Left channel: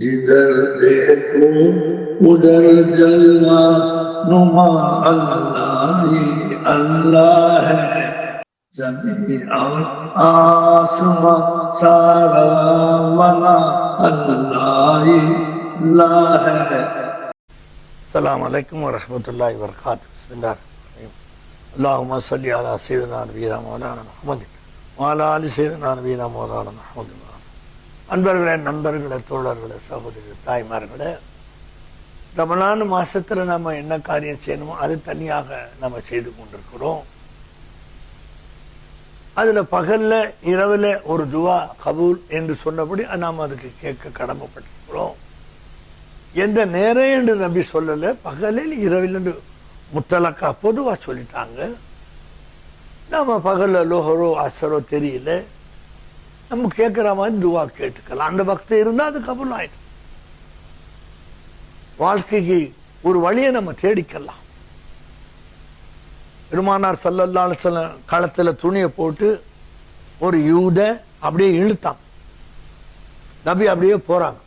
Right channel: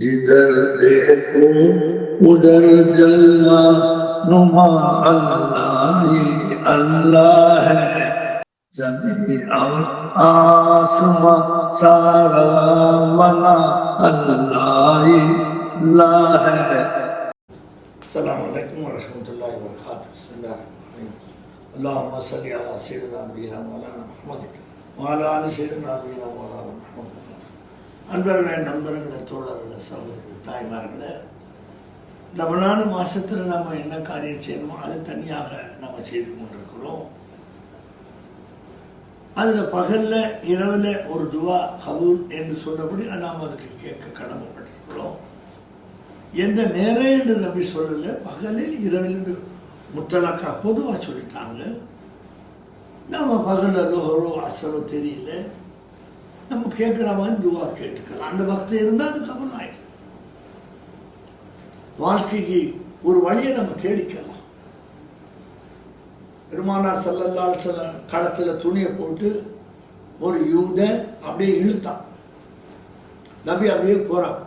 जिधर देखो उधर जलवा नुमा अल्लाह ही अल्लाह है। जमीन और आसमां सारा बना अल्लाह ही अल्लाह है। अस्सलामु अलैकुम वरहमतुल्लाहि वबरकातुहू। बिस्मिल्लाह अल्लाहुम्मा सल्लि अला सय्यिदिना नबीना मौलाना முஹம்மது வஅலா ஆலி சய்யிதினா நபீனா மௌலானா முஹம்மது. அன்பர்களே, நண்பர்களே, தோழர்களே, சகோதரர்களே, தாய்மார்களே, ரமலான் மாதத்தில் நம்ம என்ன காரியம் செய்யணுமோ அது தனியாக நம்ம செய்து கொண்டிருக்கிறோம். அதில் பகலில் இரவில் ஒரு துவா கபூல் என்று சொன்னபடி நாம் அதுக்கு கேட்க கடமைப்பட்டிருக்கிறோம். எந்த நேரம் என்று நம்பி சொல்லலை, பகலில் இரவில் என்று முத்தலக்கா பொதுவாக சொல்லிட்டாங்க. நம்ம பகலில் லோஹரோ அசரோ தெரியல, நம்ம கேட்குற மாதிரி துவா கேட்டுக்கலாம். அந்த பக்தி இருந்தால் அது கபூல் ஆயிடும். வாழ்க்கைக்கு ஒரு வழியை நம்ம தேடிக்கலாம். பெருமானார் ஸல்லல்லாஹு அலைஹி வஸல்லம் களத்தில் துணியை போட்டு ஒரு யூத அப்படியே இழுத்தான். நபி அப்படியே போறாங்க.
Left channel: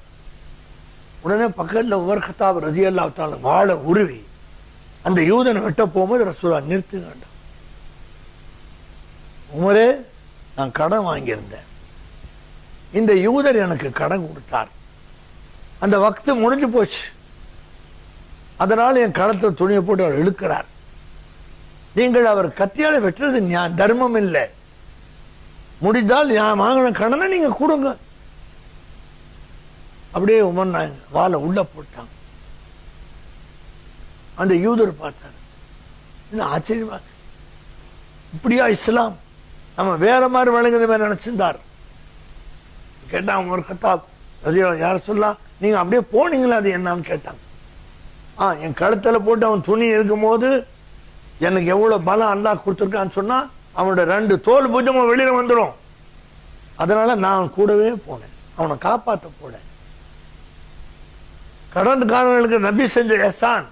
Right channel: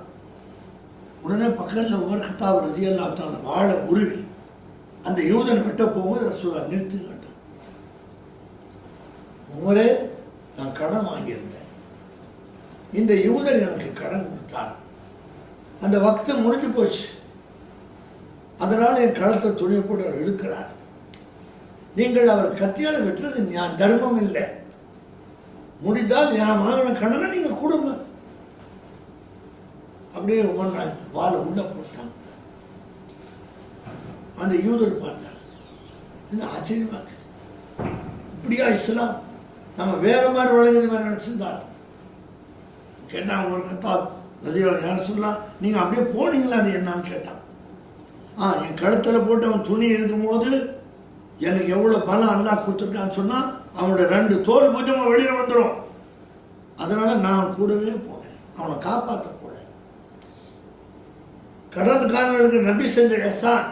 உடனே பக்கத்தில் உமர் கத்தாப் ரலியல்லாஹு தஆலா வாளை உருவி அந்த யூதனை வெட்ட போகும்போது ரசூலுல்லாஹ் நிறுத்துங்க. உமரே, நான் கடன் வாங்கியிருந்தேன், இந்த யூதர் எனக்கு கடன் கொடுத்தார், அந்த வக்து முடிஞ்சு போச்சு, அதனால் என் களத்தை துணியை போட்டு அவர் இழுக்கிறார். நீங்கள் அவர் கத்தியால் வெட்டுறது தர்மம் இல்லை. முடிந்தால் நான் வாங்கின கடனை நீங்க கொடுங்க. அப்படியே உமர் வாழை உள்ள போட்டாங்க. அந்த யூதர் பார்த்தார். இன்னும் ஆச்சரியமா இருக்கு, இப்படியா இஸ்லாம்? நம்ம வேற மாதிரி வழங்குற மாதிரி நினைச்சிருந்தார். கேட்டாங்க ஒரு கத்தாப் யார சொல்லலாம், நீங்க அப்படியே போனீங்களா, அது என்னன்னு கேட்டாங்க. என் கழுத்தில் போட்டு அவன் துணி இருக்கும் போது எனக்கு எவ்வளவு பலம் அல்லாஹ் கொடுத்துருக்கான்னு சொன்னா அவனோட 2 தோல் புஜமும் வெளியில வந்துடும். அதனால நான் கூடவே போனேன், அவனை காப்பாற்ற கூட. கடன்காரர்களுக்கு நபி செஞ்ச எஹ்சான்.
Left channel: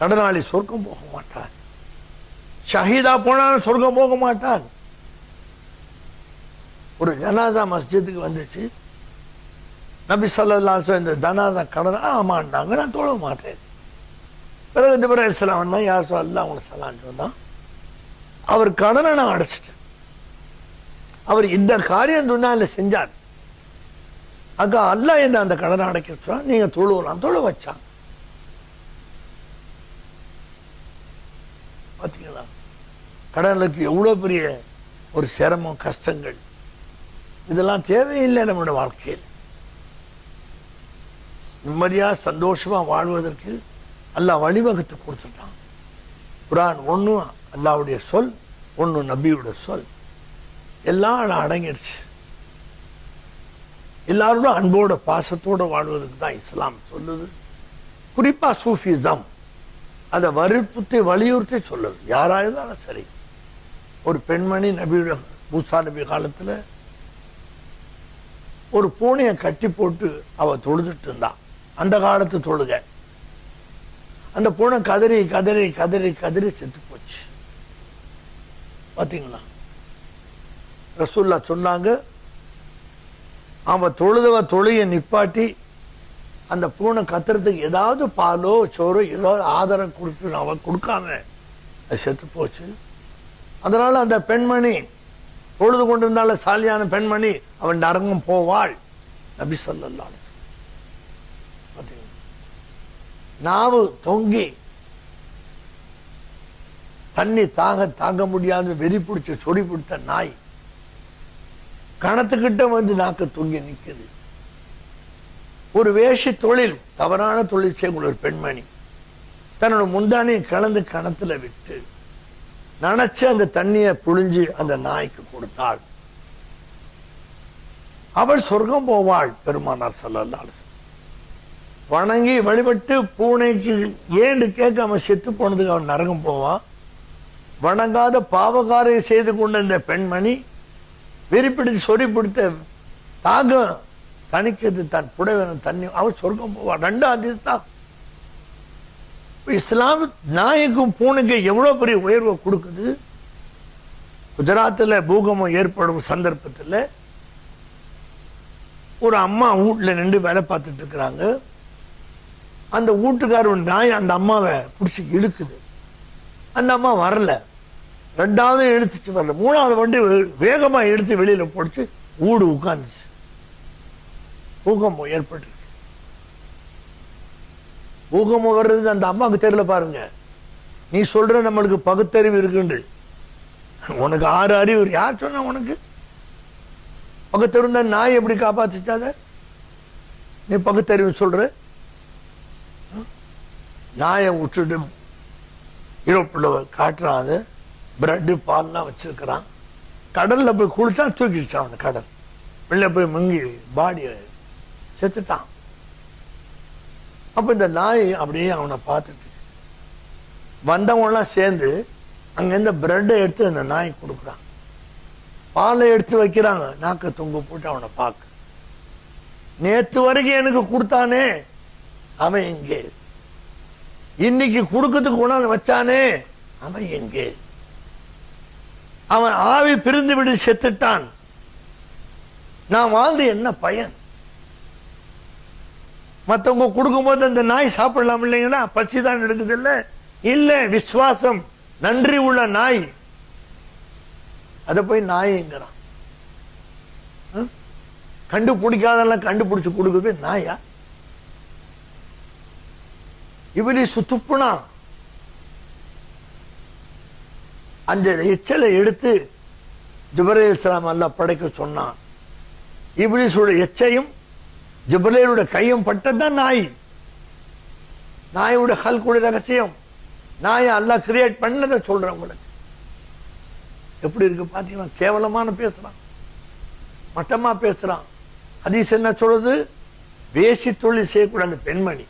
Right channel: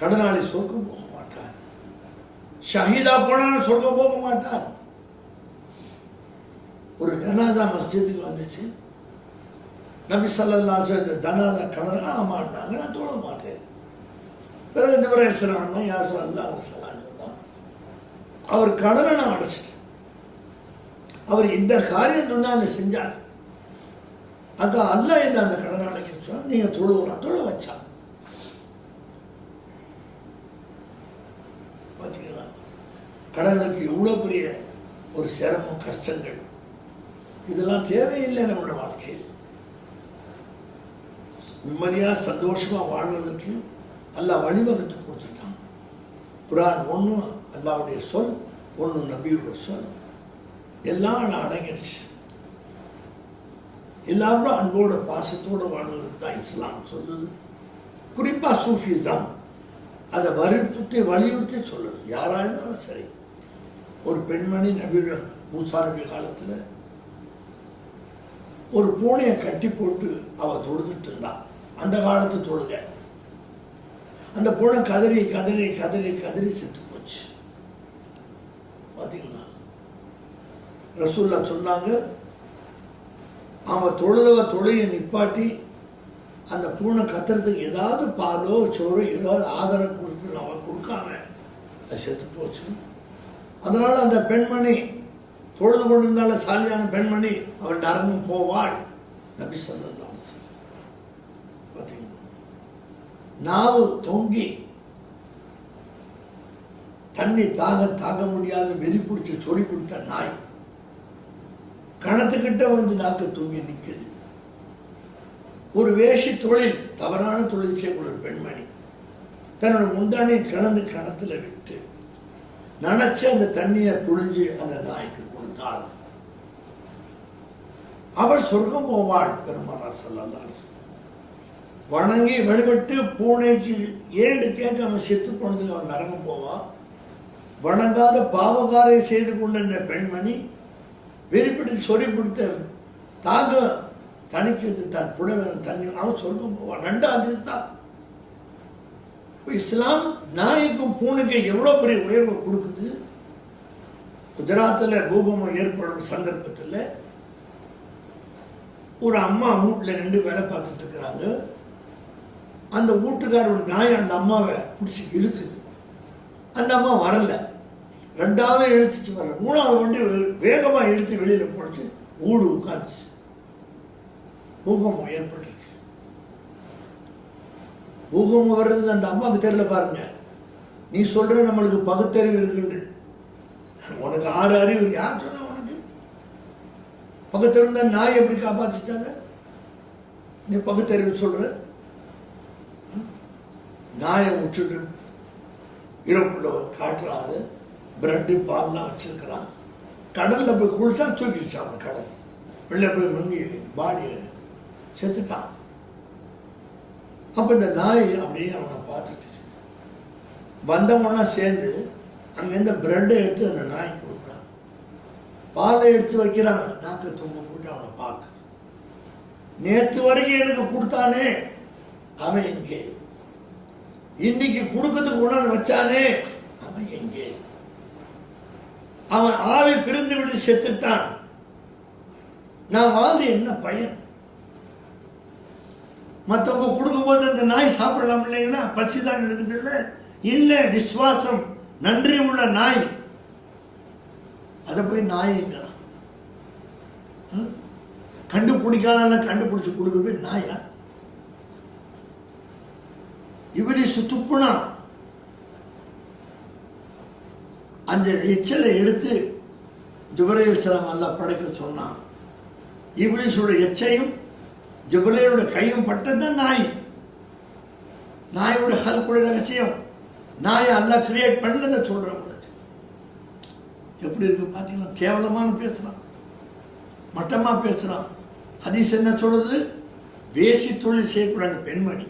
கடனாளி சொர்க்கம் போக மாட்டான், ஷஹீதா போனாலும் சொர்க்கம் போக மாட்டான். ஒரு ஜனாசா மஸ்ஜிதுக்கு வந்துச்சு. நபி ஸல்லல்லாஹு அலைஹி வஸல்லம் இந்த ஜனாசா கடன் ஆமாண்டாங்க, நான் தொழ மாட்டேன். பிறகு ஜிப்ரீல் அலைஹிஸ்ஸலாம் யா ரசூலல்லாஹ் உங்களுக்கு சலாம் சொன்னான். அவர் கடனை நான் அடைச்சிட்டேன். அவர் இந்த காரியம் துன்யால செஞ்சார். அக்கா அல்லாஹ் என்ன அந்த கடனை அடைக்க சொன்னா, நீங்க தொழுவலாம், தொழ வச்சான். பார்த்தீங்களா, கடனுக்கு எவ்வளோ பெரிய ஒரு சிரமம், கஷ்டங்கள். இதெல்லாம் தேவையில்லை நம்மளோட வாழ்க்கையில். நிம்மதியா சந்தோஷமா வாழ்வதற்கு அல்லாஹ் வழிவகுத்து கொடுத்துட்டான். குர்ஆன் ஒன்று அல்லாஹ்வுடைய சொல், ஒன்று நபியுடைய சொல், எல்லாம் அடங்கிடுச்சு. எல்லாரும் அன்போட பாசத்தோடு வாழ்வதற்கு தான் இஸ்லாம் சொல்லுது. குறிப்பா சூஃபிசம் அதை வலியுறுத்தி சொல்லுது. யாராக இருந்தாலும் சரி. ஒரு பெண்மணி நபியுடைய மூசா நபி காலத்தில் ஒரு பூனையை கட்டி போட்டு அவ தொழுதுட்டு இருந்தான். அந்த காலத்து தொழுக. அந்த பூனை கதறி கதறி கதறி கதறி செத்து போச்சு. பார்த்தீங்களா, ரசூலுல்லாஹ் சொன்னாங்க, அவன் தொழுகையை நிப்பாட்டி அந்த பூனை கத்துறதுக்கு ஏதாவது பாலோ சோறோ ஏதாவது ஆதரவு கொடுத்து அவன் கொடுக்காம அது செத்து போச்சு. அதனால அந்த பெண்மணி தொழுது கொண்டிருந்தால சாலியான பெண்மணி அவன் நரகம் போவாள். நபி ஸல்லல்லாஹு அலைஹி வஸல்லம். நாவு தொங்கி தண்ணி தாங்க முடியாது வெறி பிடிச்ச சொடி பிடித்த நாய் கணத்துக்கிட்ட வந்து நாக்கு தொங்கி நிற்குது. ஒரு வேஷி தொழில், தவறான தொழில் செய்யக்கூடிய ஒரு பெண்மணி தன்னோட முந்தானையை கலந்து கணத்துல விட்டு நினைச்சு அந்த தண்ணியை புழிஞ்சு அந்த நாய்க்கு கொடுத்தாள். அவள் சொர்க்கம் போவாள். பெருமானார் ஸல்லல்லாஹு அலைஹி வஸல்லம் வணங்கி வழிபட்டு பூனைக்கு ஏன்னு கேட்காம செத்து போனதுக்கு அவன் நரகம் போவான். வணங்காத பாவகாரை செய்து கொண்ட இந்த பெண்மணி வெறிப்பிடிச்சு சொறி பிடித்த தாகம் தணிக்கிறது தன் புடவை தண்ணி, அவன் சொர்க்கம் போவான். 2 ஹதீஸ் தான். இஸ்லாம் நாய்க்கும் பூனைக்கும் எவ்வளவு பெரிய உயர்வை கொடுக்குது. குஜராத்தில் பூகம்பம் ஏற்படும் சந்தர்ப்பத்தில் ஒரு அம்மா வீட்டில் நின்று வேலை பார்த்துட்டு இருக்கிறாங்க. அந்த வீட்டுக்காரோட நாய் அந்த அம்மாவை பிடிச்சி இழுக்குது. அந்த அம்மா வரல. ரெண்டாவது இழுத்துச்சு வரல. மூணாவது வண்டி வேகமாக இழுத்து வெளியில் போட்டு வீடு உட்காந்துச்சு. பூகம்பம் ஏற்பட்டு பூகம்பம் வர்றது அந்த அம்மாவுக்கு தெரியல. பாருங்க, நீ சொல்ற நம்மளுக்கு பகுத்தறிவு இருக்குன்று. உனக்கு 6 அறிவு யார் சொன்ன? உனக்கு பகுத்தறிவு நாய் எப்படி காப்பாத்துச்சாத? நீ பகுத்தறிவு சொல்ற? நாயை விட்டுட்டு இருப்புள்ள காட்டுறான். பிரெட்டு பால்லாம் வச்சிருக்கிறான். கடல்ல போய் குளிச்சா தூக்கிடுச்சான். அந்த கடல் வெளில போய் மங்கி பாடிய செத்துட்டான். அப்ப இந்த நாய் அப்படியே அவனை பார்த்துட்டு வந்தவங்களாம் சேர்ந்து அங்கேருந்து பிரெட்டை எடுத்து அந்த நாய் கொடுக்குறாங்க. பாலை எடுத்து வைக்கிறாங்க. நாக்க தொங்க போட்டு அவனை பார்க்க. நேற்று வரைக்கும் எனக்கு கொடுத்தானே அவன் எங்கே? இன்னைக்கு கொடுக்கறதுக்கு கொண்டாந்து வச்சானே அவன் எங்கே? அவன் ஆவி பிரிந்து விட்டு செத்துட்டான். நான் வாழ்ந்து என்ன பயன்? மற்றவங்க கொடுக்கும்போது அந்த நாய் சாப்பிடலாம் இல்லைங்களா? பசி தான் எடுக்குது இல்லை? இல்லை, விசுவாசம் நன்றி உள்ள நாய். அதை போய் நாய்ங்கிறான். கண்டுபிடிக்காதெல்லாம் கண்டுபிடிச்சு கொடுக்குறது நாயா? இபிலீஸ் துப்புனா அந்த எச்சலை எடுத்து ஜிப்ரீல் அலைஹிஸ்ஸலாம் அல்லாஹ் படைக்க சொன்னான். இபிலீஸோட எச்சையும் ஜிப்ரீலோட கையும் பட்டதுதான் நாய். நாயோட ஹல்குடைய ரகசியம். நாயை அல்லாஹ் கிரியேட் பண்ணதை சொல்றேன் உங்களுக்கு. எப்படி இருக்கு பார்த்தீங்கன்னா? கேவலமான பேசுறான், மட்டமா பேசுறான். ஹதீஸ் என்ன சொல்றது? வேசி தொழில் செய்யக்கூடாது பெண்மணி.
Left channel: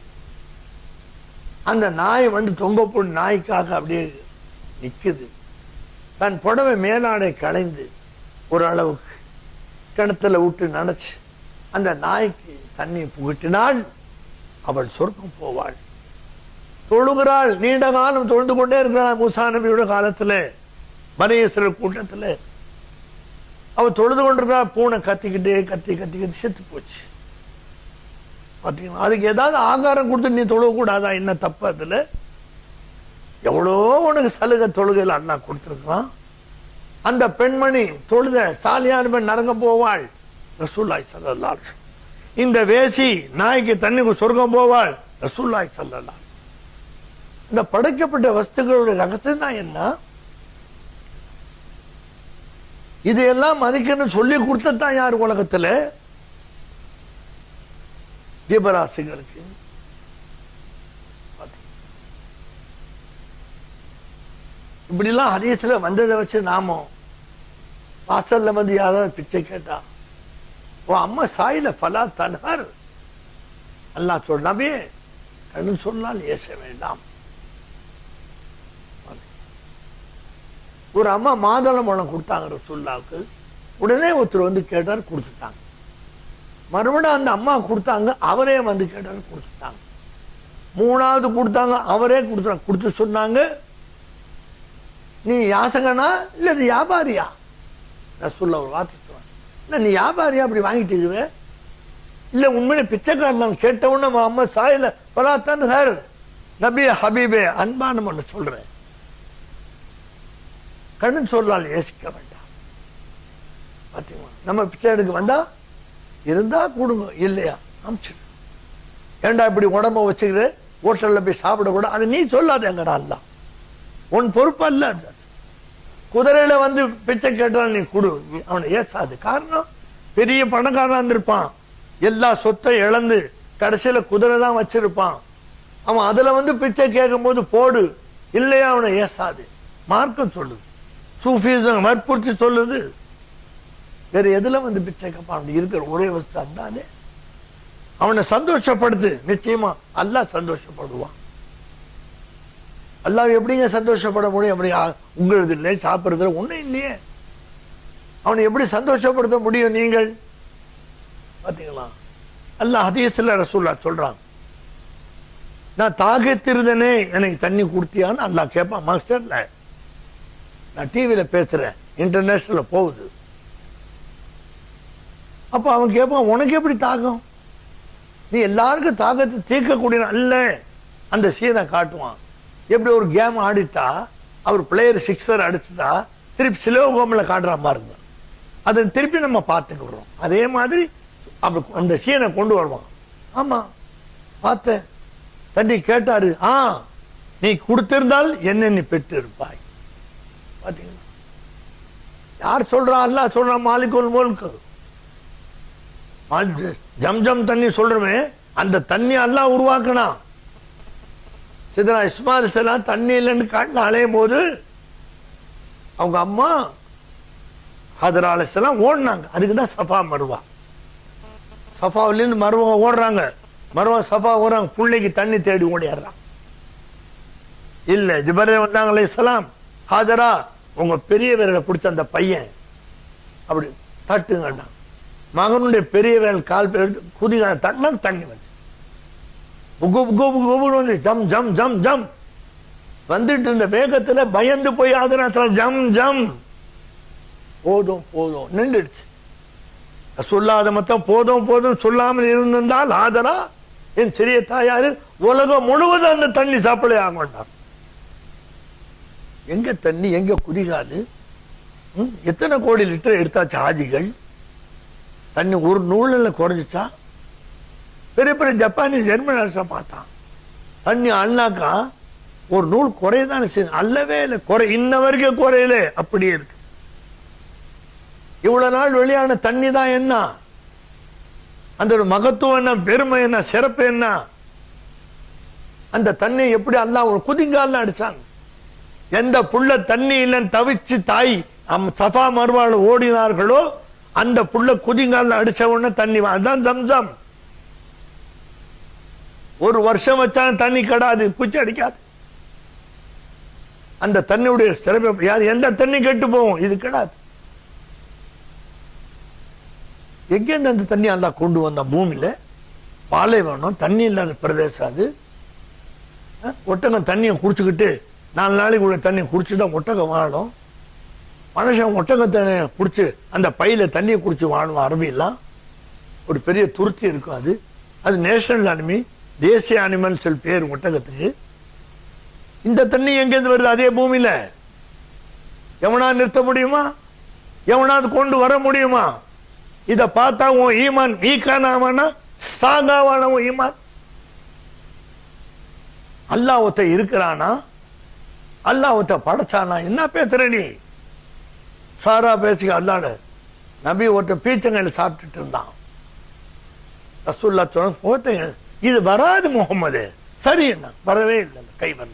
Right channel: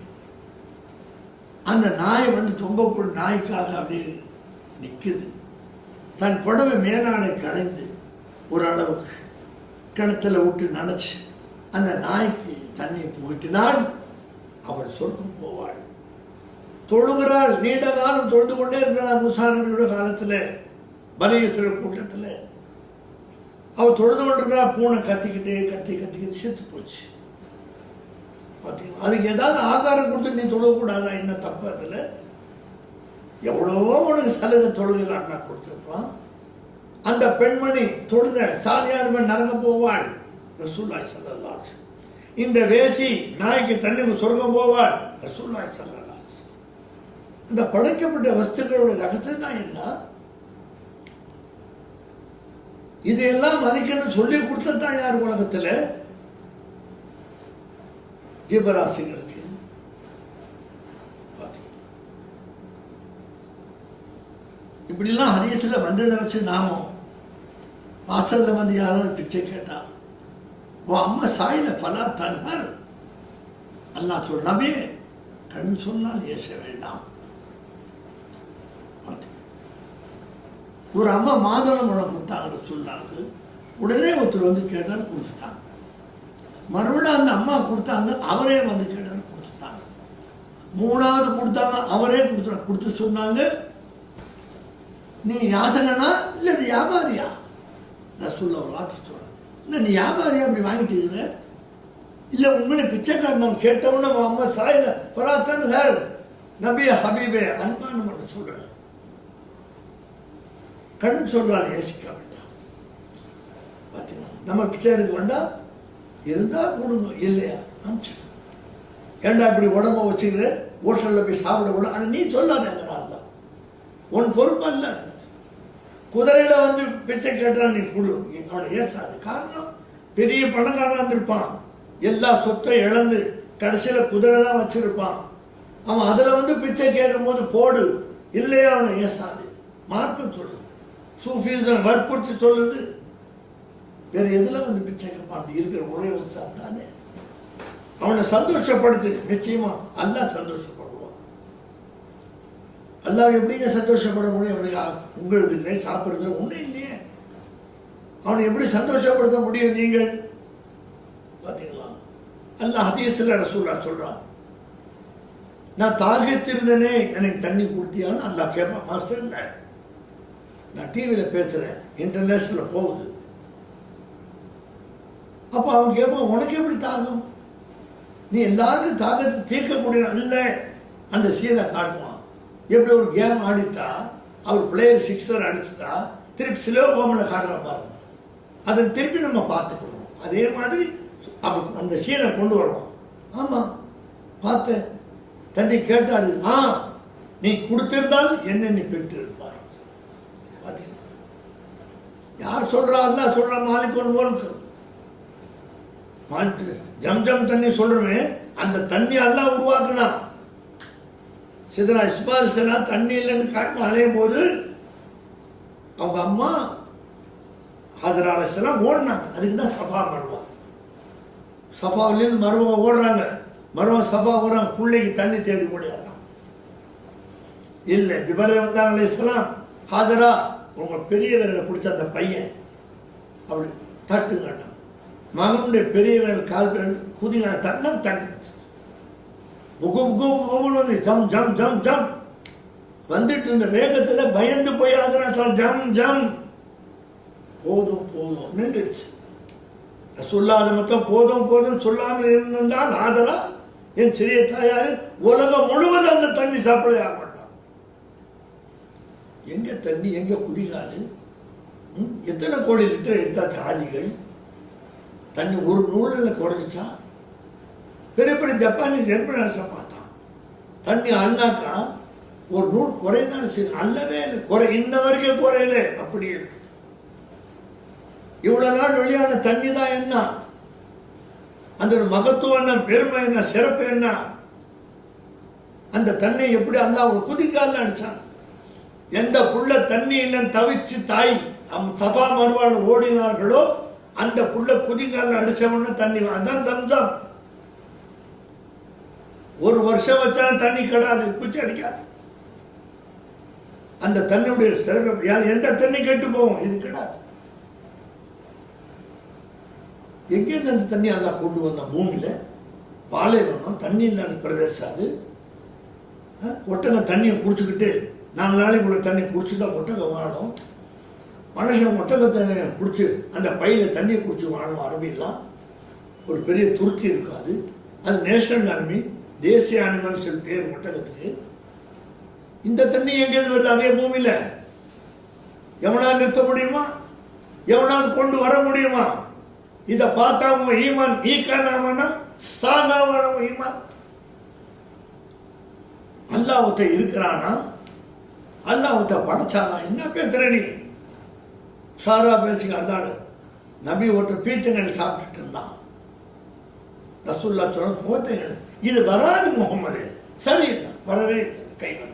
அந்த நாய் தொங்க போட்டு நாய்க்காக அப்படியே நிற்குது. தன் புடவை மேலாடை களைந்து ஒரு அளவுக்கு கிணத்துல விட்டு நினைச்சு அந்த நாய்க்கு தண்ணியை புகட்டினால் அவள் சொர்க்கம் போவாள். தொழுகிறாள். நீண்ட காலம் தொழுது கொண்டே இருக்கிறாள். மூசா நபியோட காலத்துல பனி இஸ்ரவேல் கூட்டத்துல அவள் தொழுது கொண்டிருக்கிறாள். பூனை கத்திக்கிட்டே கத்தி கத்தி கத்தி செத்து போச்சு. பார்த்தீங்கன்னா அதுக்கு ஏதாவது ஆகாரம் கொடுத்து நீ தொழுகக்கூடாதா? என்ன தப்பு? அதில் எவ்வளோ உனக்கு சலுகை தொழுகையில் அல்லாஹ் கொடுத்துருக்கான். அந்த பெண்மணி தொழுக சாலியான நரகம் போவாள். ரசூலுல்லாஹி ஸல்லல்லாஹு அலைஹி வஸல்லம். இந்த வேசி நாய்க்கு தண்ணிக்கு சொர்க்கம் போவாள். ரசூலுல்லாஹி ஸல்லல்லாஹு அலைஹி வஸல்லம். இந்த படைக்கப்பட்ட வஸ்துக்களுடைய ரகசியம் தான் என்ன? இதையெல்லாம் மதிக்கணும் சொல்லி கொடுத்ததான் யார் உலகத்தில்? ஜீவராசிகளுக்கு. இப்படிலாம் ஹதீஸ்ல வந்ததை வச்சு நாம வாசல்ல யாராவது பிச்சை கேட்டா, உன் அம்மா சாயில பலா தன்ஹர் அல்லாஹ் சொல் நபி கடன் சொன்னால் ஏச வேண்டாம். ஒரு அம்மா மாதுளம்பழம் கொடுத்தாங்க ரசூலுல்லாஹ்வுக்கு. உடனே ஒருத்தர் கேட்டார், கொடுத்துட்டாங்க. மறுபடியும் அந்த அம்மா கொடுத்தாங்க, அவரே கேட்டாரு, கொடுத்துட்டாங்க. மூணாவது கொடுத்தாங்க, அவரே கொடுத்தாங்க. கொடுத்து சொன்னாங்க, நீ யாசகனா இல்லை அது வியாபாரியா? ரசூலுல்லாஹ் ஒரு வார்த்தை சொன்னாங்க, நீ வியாபாரியா அப்படி வாங்கிட்டு இருக்கிற? இல்லை உண்மையிலே பிச்சைக்காரன். கேட்டவுடனே அம்மா சாயில பலாத்தான் ஹர் நபி ஹபீபே அன்பான ஒன்று சொல்றேன். கண்ணு சொல்லால் யோசிக்க வேண்டாம். பார்த்தீங்களா? நம்ம பிச்சை எடுக்க வேண்டாம், இருந்தா கொடுங்க, இல்லையா அமிச்சு. ஏண்டா இப்படி உடம்ப வச்சுக்கிற ஹோட்டலில் போய் சாப்பிடக்கூட அது நீ சொல்லாதேங்கிறான். உன் பொறுப்பு அல்ல அது. குதிரையில பிச்சை கேட்டால் நீ கொடு, அவனை ஏசாது. காரணம் பெரிய பணக்காரனா இருந்திருப்பான், எல்லா சொத்தை இழந்து கடைசியில குதிரைலாம் வச்சிருப்பான். அவன் அதுல பிச்சை கேட்கும் போது போடு, இல்லையா அவனை ஏசாது. மார்க்கம் சொல்லுது, சூஃபிசம் வற்புறுத்தி சொல்லுது. வேற எதுல பிச்சை கேட்பான்? அப்படி இருக்கிற ஒரே வசதி தானே. அவனை சந்தோஷப்படுத்து, நிச்சயமா அல்லாஹ் சந்தோஷப்படுவான். அல்லாஹ் எப்படிங்க சந்தோஷப்பட முடியும்? அப்படி உங்களது இல்லை, சாப்பிட்றது ஒன்றும் இல்லையே. அவனை எப்படி சந்தோஷப்படுத்த முடியும் நீங்கள்? பார்த்தீங்களா? அல்லாஹ் ஹதீஸ்ல ரசூலுல்லாஹ் சொல்றான், நான் தாகத்திருந்தனே எனக்கு தண்ணி கொடுத்தியான்னு அல்லாஹ் கேட்பான். மாஸ்டர் நான் டிவியில பேசுறேன், இன்டர்நேஷனல்ல போகுது. அப்போ அவன் கேட்பான், உனக்கு எப்படி தாகம்? நீ எல்லாருக்கும் தாகத்தை தீர்க்கக்கூடிய இல்லை. அந்த சீனை காட்டுவான். எப்படி ஒரு கேம் ஆடிட்டா அவர் பிளேயர் சிக்ஸர் அடிச்சுட்டா திருப்பி ஸ்லோ ஹோமில் காட்டுறான் பாருங்க, அதை திருப்பி நம்ம பார்த்துக்கிறோம். அதே மாதிரி அந்த சீனை கொண்டு வருவான். ஆமாம் பார்த்தேன், தண்ணி கேட்டாரு, நீ கொடுத்திருந்தால் என்ன நீ பெற்று இருப்பாய். பார்த்தீங்களா? யார் சொல்றா? அல்லாஹ் சொல்றா, மாலிகுல் முல்க். ஜம்ஜம் தண்ணி சொல்றேன், அந்த தண்ணி அல்லாஹ் உருவாக்கினா. சிதனா இஸ்மாயில் சலாம் தண்ணி இல்லைன்னு காட்டில் அலையும் போது அவங்க அம்மா ஹஜரா அலைஹிஸ்ஸலாம் ஓடினாங்க. அதுக்கு தான் சஃபா மருவா. சஃபாவிலேருந்து மருவா ஓடுறாங்க, மருவா சஃபா ஓடுறாங்க, பிள்ளைக்கு தண்ணி தேடி ஓடிடுறான். இல்லை, ஜிப்ரீல் வந்தாங்க அலைஹிஸ்ஸலாம், ஹாஜரா உங்க பெரிய விரலை பிடிச்ச அந்த பையன் அப்படி தட்டுங்கண்ணா. மகனுடைய பெரிய விரல் கால் குதிங்க தட்டினா தண்ணி வந்து ஜம் ஜம் ஜம் ஜம் வந்துட்டு இருந்த வேகத்துல பயந்து போய் ஆதரா ஜம் ஜம் போதும் போதும் நின்றுடுச்சு. சொல்லாத மொத்தம் போதும் போதும் சொல்லாமல் இருந்திருந்தால் ஆதரா என் சிறிய தாயாரு உலகம் முழுவதும் அந்த தண்ணி சப்ளை ஆக மாட்டார். எங்க தண்ணி, எங்க குதிகாது? எத்தனை கோடி லிட்டர் எடுத்தாச்சு ஆஜிகள். தண்ணி ஒரு நூலில் குறைஞ்சிச்சா? பெரிய பெரிய ஜப்பானி ஜெர்மன் அரச பார்த்தான், தண்ணி அல்லாக்கா ஒரு நூல் குறையதானே செய்யும். அல்லவே இல்லை, குறை இன்ன வரைக்கும் குறையல, அப்படியே இருக்கு. இவ்வளவு நாள் வெளியான தண்ணி தான் என்ன, அந்த மகத்துவம் என்ன, பெருமை என்ன, சிறப்பு என்ன? அந்த தண்ணி எப்படி அல்லாஹ் ஒரு குதிங்கால அடிச்சான். எந்த புள்ள தண்ணி இல்லைன்னு தவிச்சு தாய் சஃபா மர்வால ஓடினார்களோ அந்த புள்ள குதிங்கால அடிச்ச உடனே தண்ணி, அதுதான் ஜம்ஜம். ஒரு வருஷம் வச்சாலும் தண்ணி கடாது, பூச்சி அடிக்காது. அந்த தண்ணியுடைய சிறப்பு யார், எந்த தண்ணி கெட்டு போகும், இது கிடாது. எங்கேருந்து அந்த தண்ணி எல்லாம் கொண்டு வந்த? பூமியில பாலைவனம், தண்ணி இல்லாத பிரதேசம் அது. ஒட்டகம் தண்ணியை குடிச்சுக்கிட்டு 4 நாளைக்கு உள்ள தண்ணி குடிச்சுதான் ஒட்டகம் வாழும். மனுஷன் ஒட்டகத்தை குடிச்சு அந்த பையில தண்ணியை குடிச்சு வாழும். அரபியெல்லாம் ஒரு பெரிய துருத்தி இருக்கும். அது நேஷனல் அனிமி, தேசிய அனிமல் சொல்லி பேர் ஒட்டகத்துக்கு. இந்த தண்ணி எங்கேருந்து வருது? அதே பூமியில. எவனாவது நிறுத்த முடியுமா? எவனாவது கொண்டு வர முடியுமா? இதை பார்த்தா உன் ஈமான் வீக்கானவனா ஸ்ட்ராங்கான ஈமான்? அல்லாஹ் ஒருத்த இருக்கிறானா? அல்லாஹ் ஒருத்த படைச்சானா? என்ன பேசுற நீ? சாரா பேசுக அல்லாட. நபி ஒருத்த பீச்சங்கள் சாப்பிட்டுட்டு இருந்தான். ரசூல்லா சொன்ன போத்தீங்க, இது வராது முகமது. சரி, என்ன வரவே கை வர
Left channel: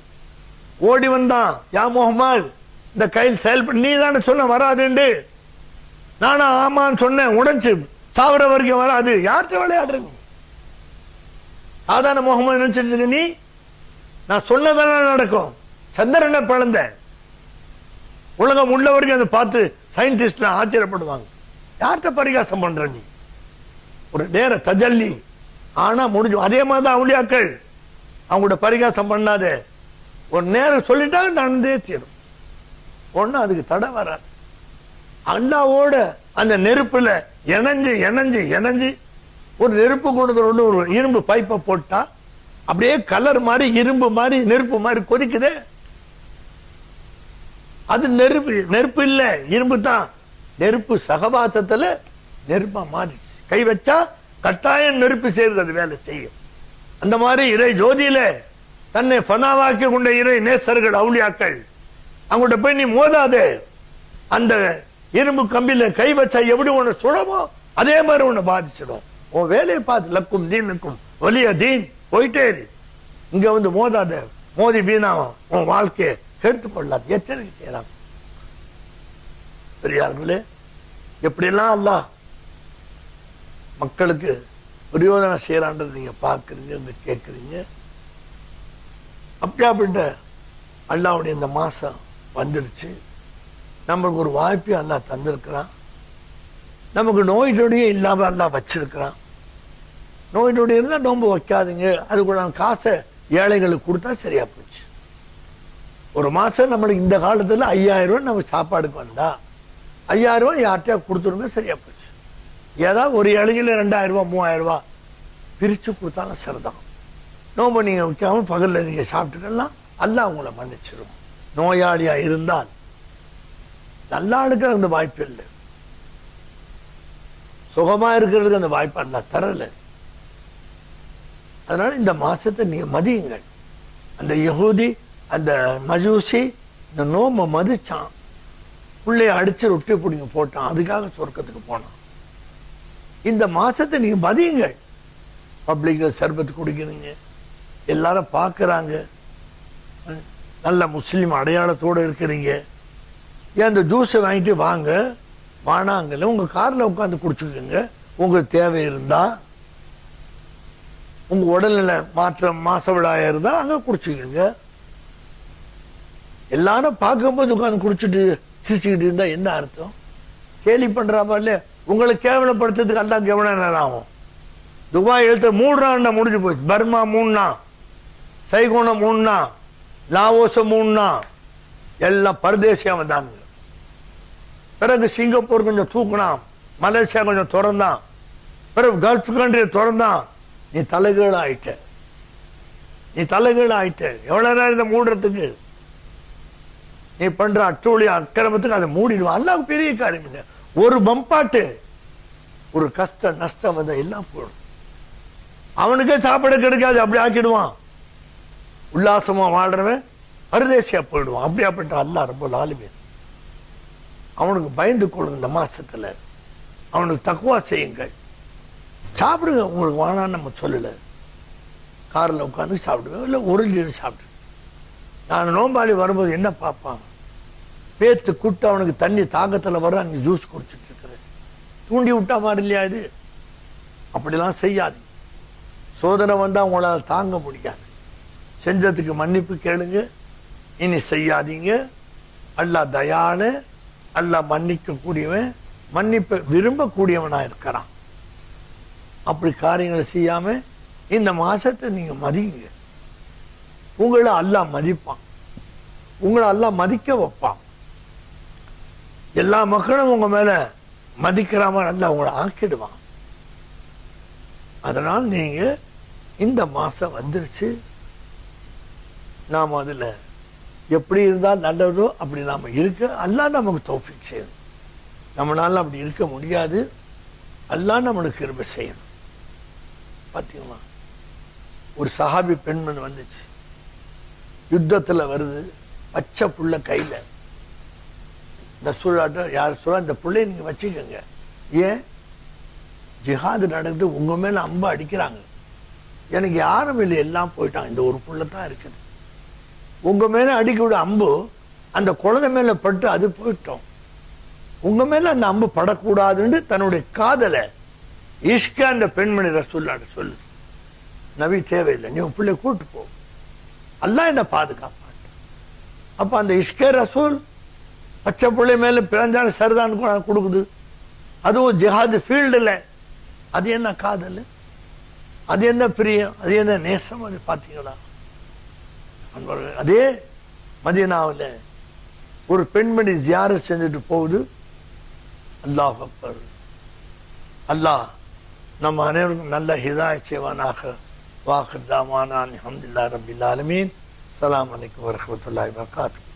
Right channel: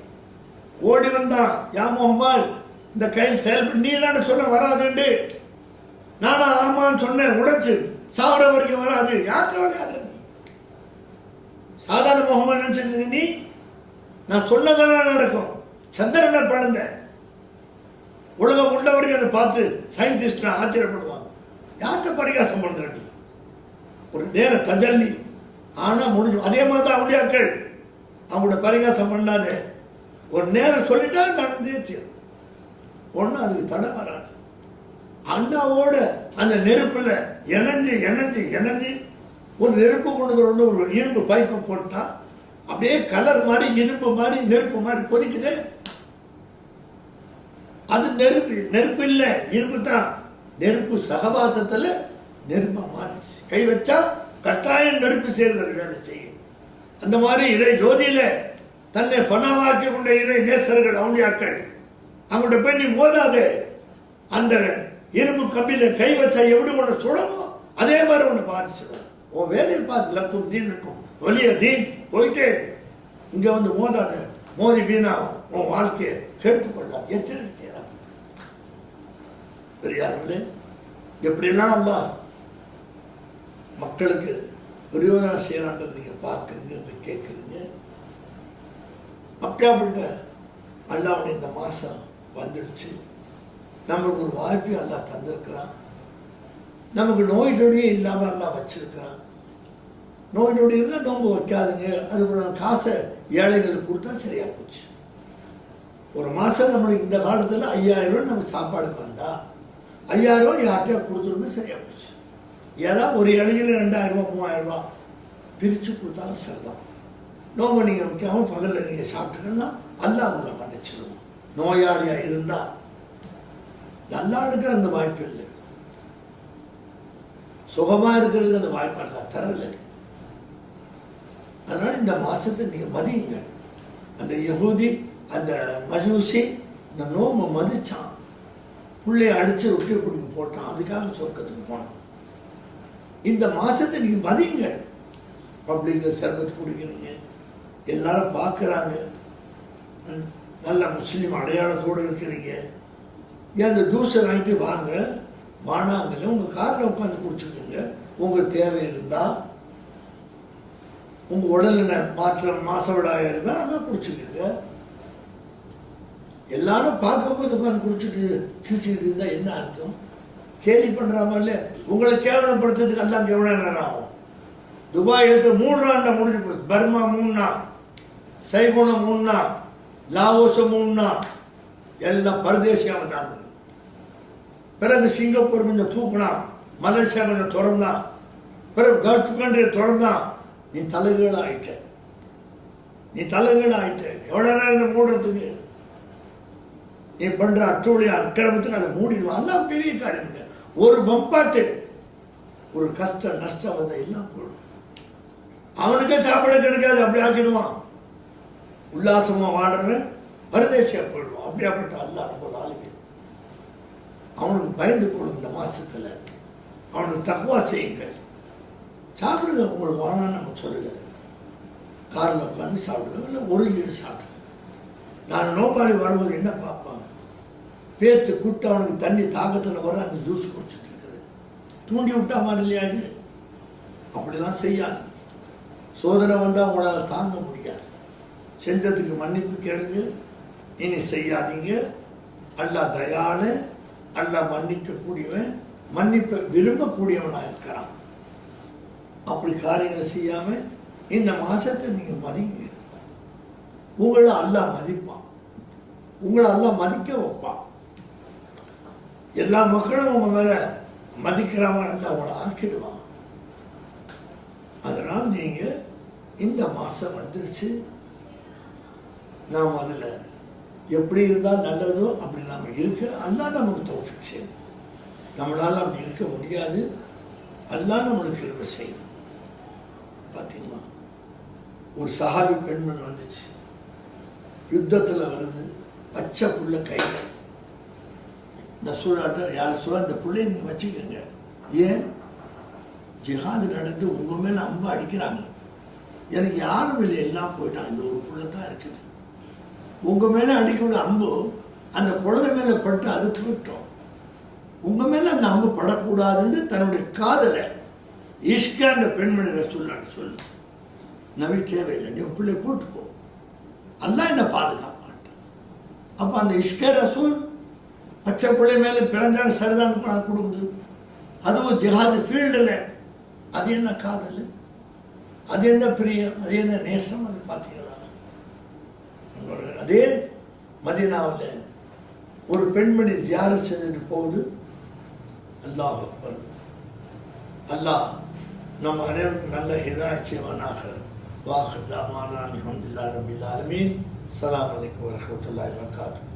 ஓடி வந்தான். யா முகமது, இந்த கையில் செயல்பட, நீ தானே சொன்ன வராதுண்டு. நானா ஆமான்னு சொன்னேன், உடைச்சு சாவர வரைக்கும் வராது. யார்கிட்ட விளையாடுறீங்க? சாதாரண முகமது நினைச்சிட்டு இருக்க நீ? நான் சொன்னதான நடக்கும். சந்திரனை பிளந்த உலகம் உள்ள வரைக்கும் அதை பார்த்து சயின்டிஸ்ட் ஆச்சரியப்படுவாங்க. யார்கிட்ட பரிகாசம் பண்ற நீ? ஒரு நேர தஜல்லி ஆனா முடிஞ்சு. அதே மாதிரி தான் அவுலியாக்கள், அவங்களோட பரிகாசம் பண்ணாத. ஒரு நேரம் சொல்லிட்டா நடந்தே தீரும். ஒன்னும் அதுக்கு தடை வராது. அண்ணாவோட அந்த நெருப்புல இணைஞ்சு இணைஞ்சு இணைஞ்சு ஒரு நெருப்பு கொண்டு ஒரு இரும்பு பைப்பை போட்டா அப்படியே கலர் மாதிரி இரும்பு மாதிரி நெருப்பு மாதிரி கொதிக்குது. அது நெருப்பு, நெருப்பு இல்ல, இரும்பு தான். நெருப்பு சகவாசத்துல நெருப்பா மாறிடுச்சு. கை வச்சா கட்டாயம் நெருப்பு செய்யறது, அது வேலை செய்யும். அந்த மாதிரி இறை ஜோதியில தன்னை ஃபனாவாக்கி கொண்ட இறை நேசர்கள் அவுலியாக்கள், அவங்கள்ட்ட போய் நீ மோதாதே. அந்த இரும்பு கம்பியில கை வச்சா எப்படி உன்னை சுடமோ அதே மாதிரி உன்னை பாதிச்சிடும். உன் வேலையை பார்த்து லக்கும் தீனுக்கும் ஒலிய தீன் போயிட்டே. இங்க வந்து மோதாத, மோதி வீணா உன் வாழ்க்கையை கேட்டுக்கொள்ளாது, எச்சரிக்கை செய்யலாம். பெரியார்களே, எப்படிலாம் அல்லாஹ் மக்களுக்கு பிரயோஜனம் செய்யறான்றது நீங்க பார்க்குறீங்க, கேட்குறீங்க. அப்படியாப்பட்ட அல்லாவுடைய இந்த மாசம் வந்துடுச்சு. நம்மளுக்கு ஒரு வாய்ப்பை அல்லாஹ் தந்திருக்கிறான். நமக்கு நோய் நொடியே இல்லாமல் அல்லாஹ் வச்சிருக்கிறான். நோய் நொடி இருந்தால் நோன்பு வைக்காதுங்க, அதுக்கு நான் காசை ஏழைகளுக்கு கொடுத்தா சரியா போச்சு. ஒரு மாசம் நம்மளுக்கு இந்த காலத்தில் 5000 ரூபாய் நம்ம சாப்பாடுக்கு வந்தா 5000 ரூபாய் யார்கிட்டயா கொடுத்துருங்க, சரியா போச்சு. ஏதாவது ஒரு இலையில 2000 ரூபா 3000 ரூபா பிரித்து கொடுத்தாலும் சரிதான். நோம்பு நீங்கள் வைக்காமல் பகலில் நீங்கள் சாப்பிட்டுக்கலாம், அல்லாஹ் உங்களை மன்னிச்சிடும். நோயாளியாக இருந்தால் நல்ல ஆளுக்கு அந்த வாய்ப்பு இல்லை, சுகமாக இருக்கிறதுக்கு அந்த வாய்ப்பு அல்ல தரலை. அதனால இந்த மாசத்தை நீங்க மதியுங்க. அந்த யகூதி அந்த மஜூசி இந்த நோம்பை மதிச்சான், பிள்ளைய அடிச்சு ரொட்டி பிடிங்க போட்டான், அதுக்காக சொர்க்கத்துக்கு போனான். இந்த மாசத்தை நீங்க மதியுங்க. பப்ளிக்ல சர்பத்து குடிக்கிறீங்க, எல்லாரும் பார்க்குறாங்க, நல்ல முஸ்லீம் அடையாளத்தோடு இருக்கிறீங்க. ஏன் அந்த ஜூஸை வாங்கிட்டு வாங்க, வானாங்கல்ல உங்கள் காரில் உட்காந்து குடிச்சுக்கோங்க. உங்களுக்கு தேவை இருந்தால், உங்கள் உடல்நிலை மாசவிடாய இருந்தால் அங்கே குடிச்சுக்கோங்க. எல்லாரும் பார்க்கும்போது உட்காந்து குடிச்சிட்டு சிரிச்சுக்கிட்டு இருந்தால் என்ன அர்த்தம்? கேலி பண்ணுறாமா இல்லையா? உங்களை கேவலப்படுத்துறதுக்கு எல்லாம் எவ்வளோ நேரம் ஆகும்? துபாய் எடுத்து 3 நாள் முடிஞ்சு போச்சு. பர்மா 3 நாள், சைகோனம் 3 நாள், லாவோஸ் 3 நாள், எல்லாம் பரதேசியாக வந்தாங்க. பிறகு சிங்கப்பூர் கொஞ்சம் தூக்கினான், மலேசியா கொஞ்சம் திறந்தான், பிறகு கல்ஃப் கண்ட்ரி திறந்தான். நீ தலைகீழ ஆயிட்ட, நீ தலைகீழ ஆயிட்ட. எவ்வளவு நேரம் இதை மூடுறதுக்கு? நீ பண்ற அட்டோழிய அக்கிரமத்துக்கு அதை மூடிடுவான். எல்லாம் பெரிய காரியம். ஒரு பம்பாட்டு, ஒரு கஷ்ட நஷ்டம் வந்த எல்லாம் போடும். அவனுக்கே சாப்பாடு கிடைக்காது, அப்படி ஆக்கிடுவான். உல்லாசமா வாழ்றவன் பரதேசியா போயிடுவான். அப்படியாப்பட்ட அல்லாஹ் ரப்பல் ஆலமீன் அவனுக்கு பயந்து கொள்ளும். இந்த மாசத்துல அவனுக்கு தக்வா செய்யுங்கள். சாப்பிடுங்க, உங்களுக்கு வானான்னு நம்ம சொல்லலை. காரில் உட்காந்து சாப்பிடுங்க, இல்லை ஒரு லீடர் சாப்பிடுங்க. நான் நோம்பாளி வரும்போது என்ன பார்ப்பாங்க? பேத்து கூட்ட அவனுக்கு தண்ணி தாக்கத்தில் வர அங்கே ஜூஸ் குடிச்சிட்டு இருக்கிறது. தூண்டி விட்டா மாதிரி இல்லையா இது? அப்படிலாம் செய்யாது. சோதனை வந்தால் உங்களால் தாங்க முடியாது. செஞ்சதுக்கு மன்னிப்பு கேளுங்க, இனி செய்யாதீங்க. அல்லாஹ் தயாள, அல்லாஹ் மன்னிக்கக்கூடியவன், மன்னிப்பை விரும்பக்கூடியவனாக இருக்கிறான். அப்படி காரியங்களை செய்யாம இந்த மாசத்தை நீங்க மதிங்க. உங்களை அல்லாஹ் மதிப்பான், உங்களை அல்லாஹ் மதிக்க வைப்பான். எல்லா மக்களும் உங்க மேல மதிக்கிற மாதிரி அல்லாஹ் உங்களை ஆக்கிடுவான். அதனால் நீங்க இந்த மாசம் வந்துருச்சு, நாம் அதுல எப்படி இருந்தால் நல்லதோ அப்படி நாம இருக்க அல்லாஹ் நமக்கு தௌஃபீக் செய்யணும். நம்மளால அப்படி இருக்க முடியாது, அல்லாஹ் நம்மளுக்கு கிருபை செய்யணும். பார்த்தீங்களா, ஒரு சஹாபி பெண்மணி வந்துச்சு, யுத்தத்தில் வருது, பச்சை புள்ள கையில். ரசூலுல்லாஹ் யார் சொல்ல, இந்த பிள்ளைய நீங்கள் வச்சுக்கோங்க. ஏன்? ஜிஹாது நடந்து உங்கள் மேலே அம்பு அடிக்கிறாங்க, எனக்கு யாரும் இல்லை, எல்லாம் போயிட்டாங்க, இந்த ஒரு புள்ள தான் இருக்குது. உங்கள் மேலே அடிக்கக்கூடிய அம்பு அந்த குழந்தை மேலே பட்டு அது போயிட்டோம். உங்கள் மேலே அந்த அம்பு படக்கூடாதுன்னு தன்னுடைய காதலை இஷ்க அந்த பெண்மணி ரசூலுல்லாஹ் சொல்லு, நபி தேவையில்லை, நீ உன் பிள்ளை கூட்டு போ, அல்லாஹ் என்ன பாதுகாப்பான். அப்போ அந்த இஷ்க ரசூல் பச்சை பிள்ளை மேலே பிறந்தாலும் சரிதான் கொடுக்குது. அதுவும் ஜிஹாது ஃபீல்டில். அது என்ன காதல், அது என்ன பிரியம், அது என்ன நேசம், அது பார்த்தீங்களா? அதே மதீனாவில் ஒரு பெண்மணி ஜியாரத் செஞ்சுட்டு போகுது. அல்லாஹ் அக்பர். அல்லாஹ் நம்ம அனைவருக்கும் நல்ல ஹிதாயத் செய்வானாக. வாஹிர் தாவானா அல்ஹம்துலில்லாஹி ரப்பில் ஆலமீன். அஸ்ஸலாமு அலைக்கும் வரஹ்மத்துல்லாஹி வபரகாத்துஹு.